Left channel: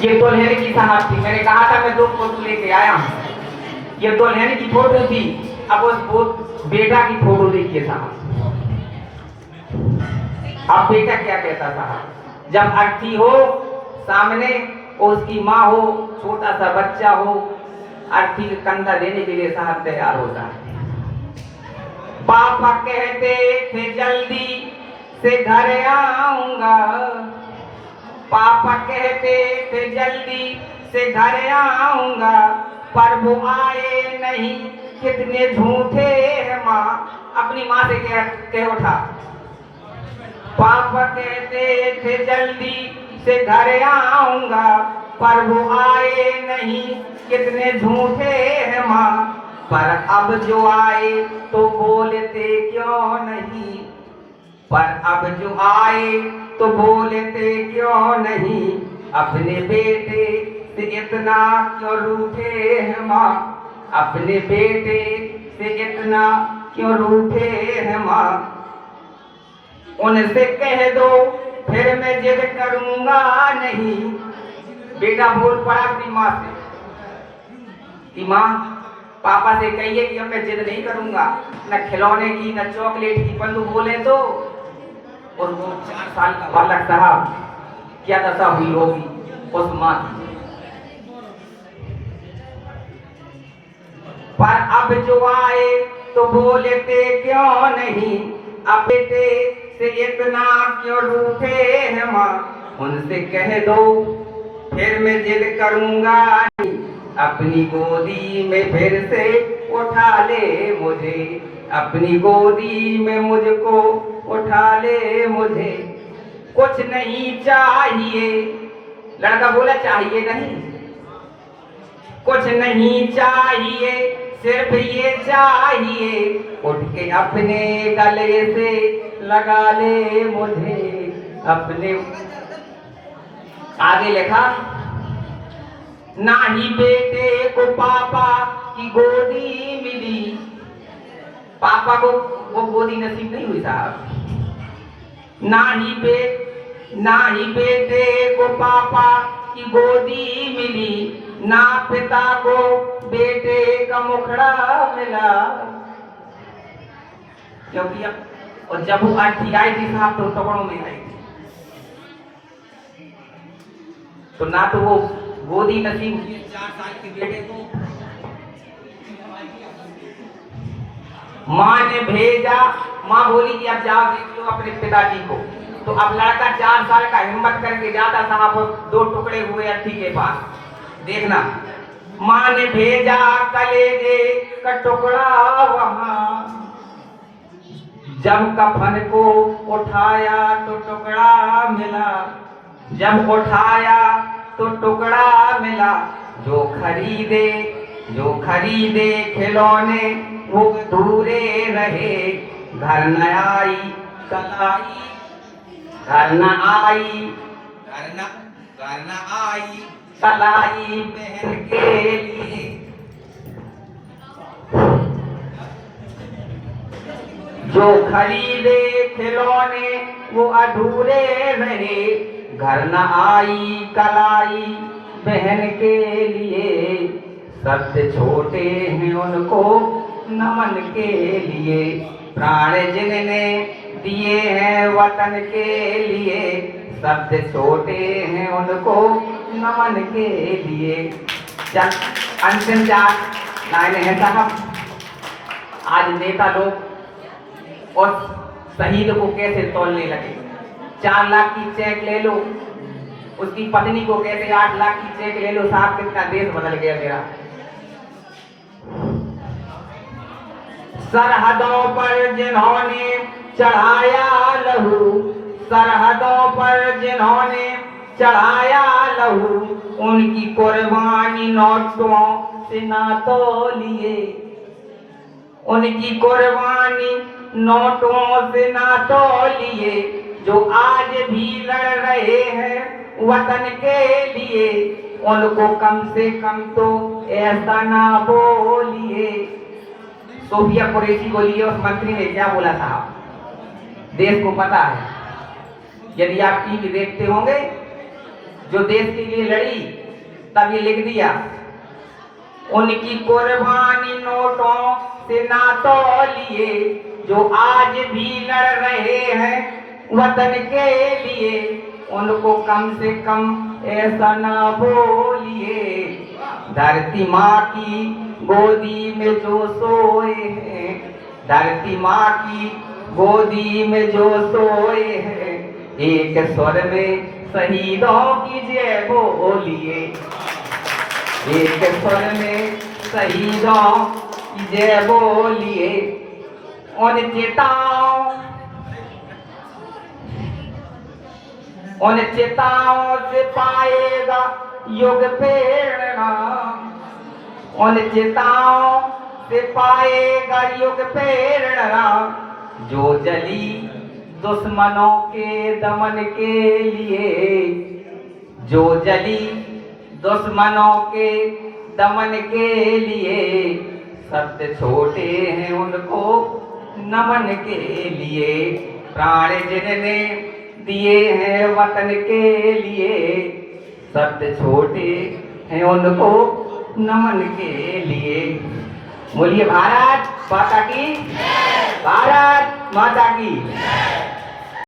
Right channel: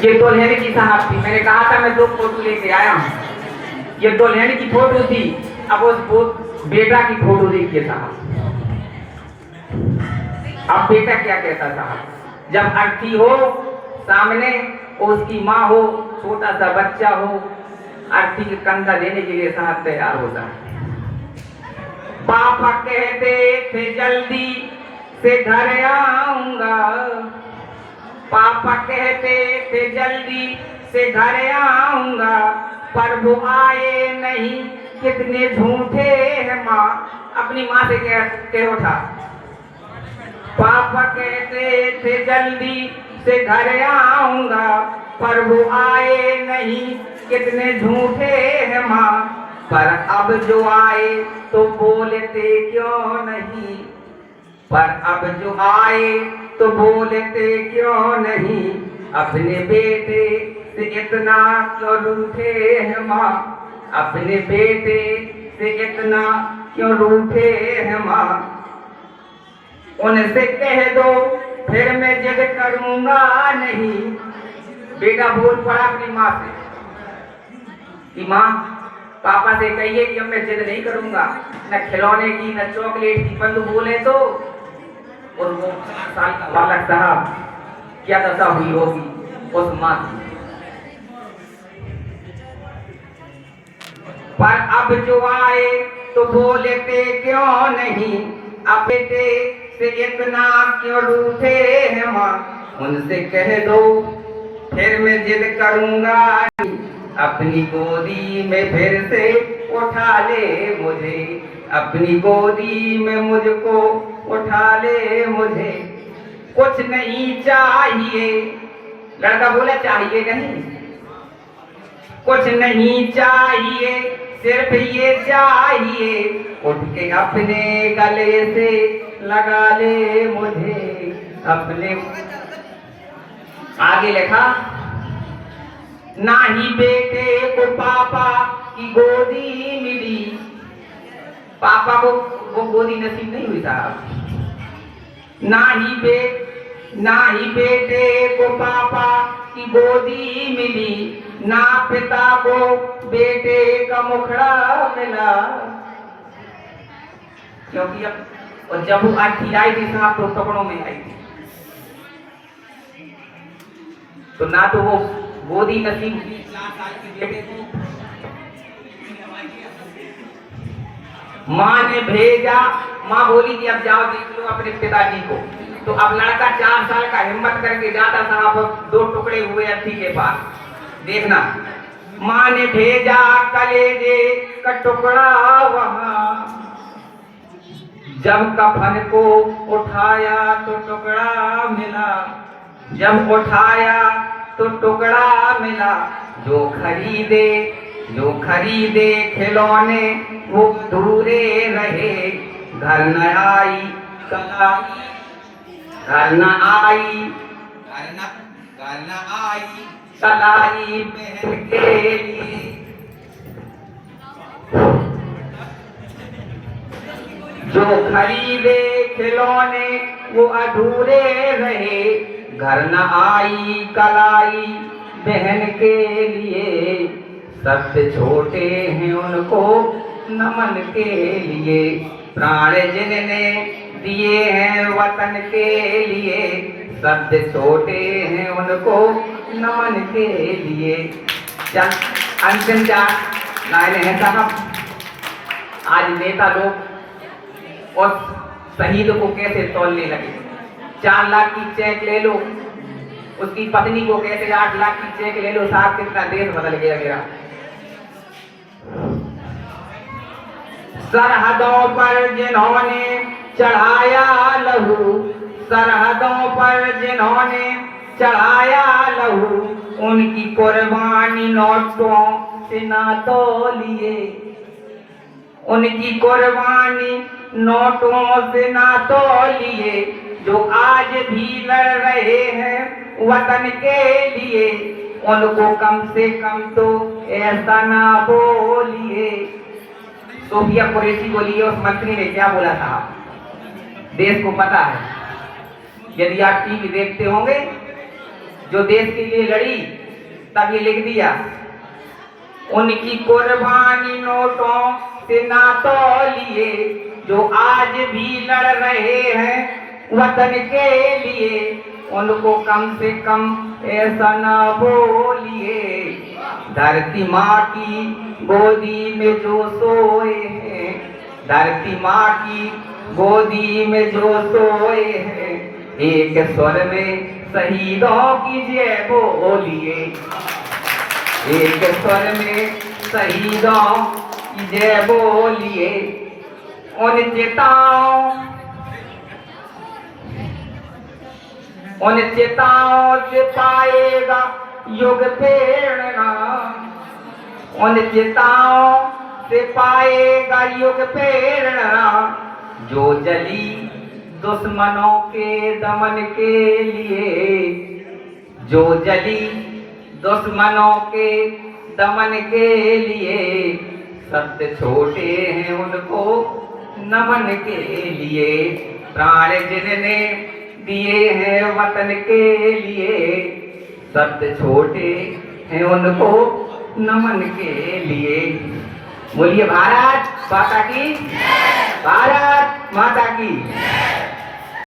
ये दुल्हन की साहब थी, मैंने कहा था मैं 2 फोटो लेके आया हूँ। ये दुल्हन की फोटो थी, अब उस बेटा की फोटो देखिए साहब। अब बेटा क्या कहता साहब, जब अर्थी हो सामने और उसकी माँ हो, छोटा सा बच्चा हो, अर्थी के कंधा देने के लिए साहब तैयार होता है। पापा कहते थे जल्दी से घर आऊंगा, पापा कहते थे जल्दी से घर आऊंगा, पर वो आए नहीं, कितने झूठे हैं माँ। अपनी माँ से कह उठा, पापा कहते थे जल्दी से घर आऊंगा, पर वो आए नहीं, कितने झूठे हैं माँ। पर अब जो आए तो बोलते क्यों नहीं, पर अब जो आए तो बोलते क्यों नहीं, अपने बेटे से इतना क्यों रूठे हैं माँ, अपने बेटे से इतना क्यों रूठे हैं माँ। उनसे कह दो फिर मैं जिद करूंगा नहीं। बेटा बोल पड़ा अपनी माँ से कि माँ पापा से कहिए कि अब मैं जिद नहीं करूंगा, न खिलौने की न चॉकलेट की, बंधु बोले तो। और वो 4 साल का बालक साहब क्या दशा हुई होगी उस माँ की। पर अब जो आए तो बोलते क्यों नहीं, अब बेटे से इतना क्यों रूठे हैं माँ। उनसे कह दो फिर मैं जिद करूंगा, अपनी गोदी में फिर से उठा ले मुझे, अपनी गोदी में मुझको उठा ले मुझे। कुछ नहीं चाहिए, लड़का बोला चाहिए नहीं, कुछ नहीं चाहिए, सिर्फ ये चाहिए, उठ के अपने गले से लगा ले मुझे, अपने। आगे लिखा, ना ही बेटे को पापा की गोदी मिली, पापा को वो गोदी नसीब नहीं हुई साहब। ना ही बेटे को पापा की गोदी मिली, ना पिता को बेटे का मुखड़ा मिला। क्योंकि अब और जब वो अर्थी आई थी साहब तो टुकड़ों में आई थी, तो ना तो वो गोदी नसीब हुई 4 साल के बेटे को। माँ ने भेजा, माँ बोली कि अब जाओ देख लो अपने पिताजी को। तो अब लड़का 4 साल का हिम्मत करके जाता साहब 2 टुकड़े हुए अर्थी के पास। देखना, माँ ने भेजा कलेजे का टुकड़ा वहां, जब कफन को उठाया तो टुकड़ा मिला, जब उठाया तो टुकड़ा मिला। जो खरीदे खिलौने वो दूरे रहे, घर न आई कलाई, घर न आई कलाई बहन के लिए। जो खरीदे खिलौने वो अधूरे रहे, घर न आई कलाई बहन के लिए। सबसे छोटे हैं उनको नमन के लिए, प्राण जिनने दिए हैं वतन के लिए। सबसे छोटे हैं उनको नमन के लिए। अंतिम 4 लाइनें हैं साहब। आज नेता लोग और शहीद को कैसे तोलने लगे। 4 लाख की चेक ले लो, उसकी पत्नी को कहते 8 लाख की चेक ले लो। साहब कितना देश बदल गया मेरा। सरहदों पर जिन्होंने चढ़ाया लहू, सरहदों पर जिन्होंने चढ़ाया लहू, उनकी कुर्बानी नोटों से ना तौलिए, उनकी कुर्बानी नोटों से ना तौलिए। जो आज भी लड़ रहे हैं वतन के लिए, उनको कम से कम तो ऐसा ना बोलिए। सोफिया कुरैशी बोली, उस मंत्री ने क्या बोला था देश को पता है। यदि आप टीवी देखते होंगे जो देश के लिए लड़ी, तब ये लिख दिया, उनकी कुर्बानी नोटों से ना तौलिए, जो आज भी लड़ रहे हैं वतन के लिए, उनको कम से कम ऐसा ना बोलिए। धरती माँ की गोदी में जो सोए हैं, धरती माँ की गोदी में जो सोए हैं, एक स्वर में शहीदों की जय बोलिए, एक स्वर में शहीदों की जय बोलिए। उन चिताओं से पाएगा युग प्रेरणा, उन चिताओं से पाएगा युग प्रेरणा, जो जली दुश्मनों के दमन के लिए, जो जली दुश्मनों के दमन के लिए, सत्य छोटे हैं उनको नमन के लिए, प्राण जिनने दिए हैं वतन के लिए, सत्य छोटे हैं उनको नमन के लिए। बोलिए भारत माता की, भारत माता की।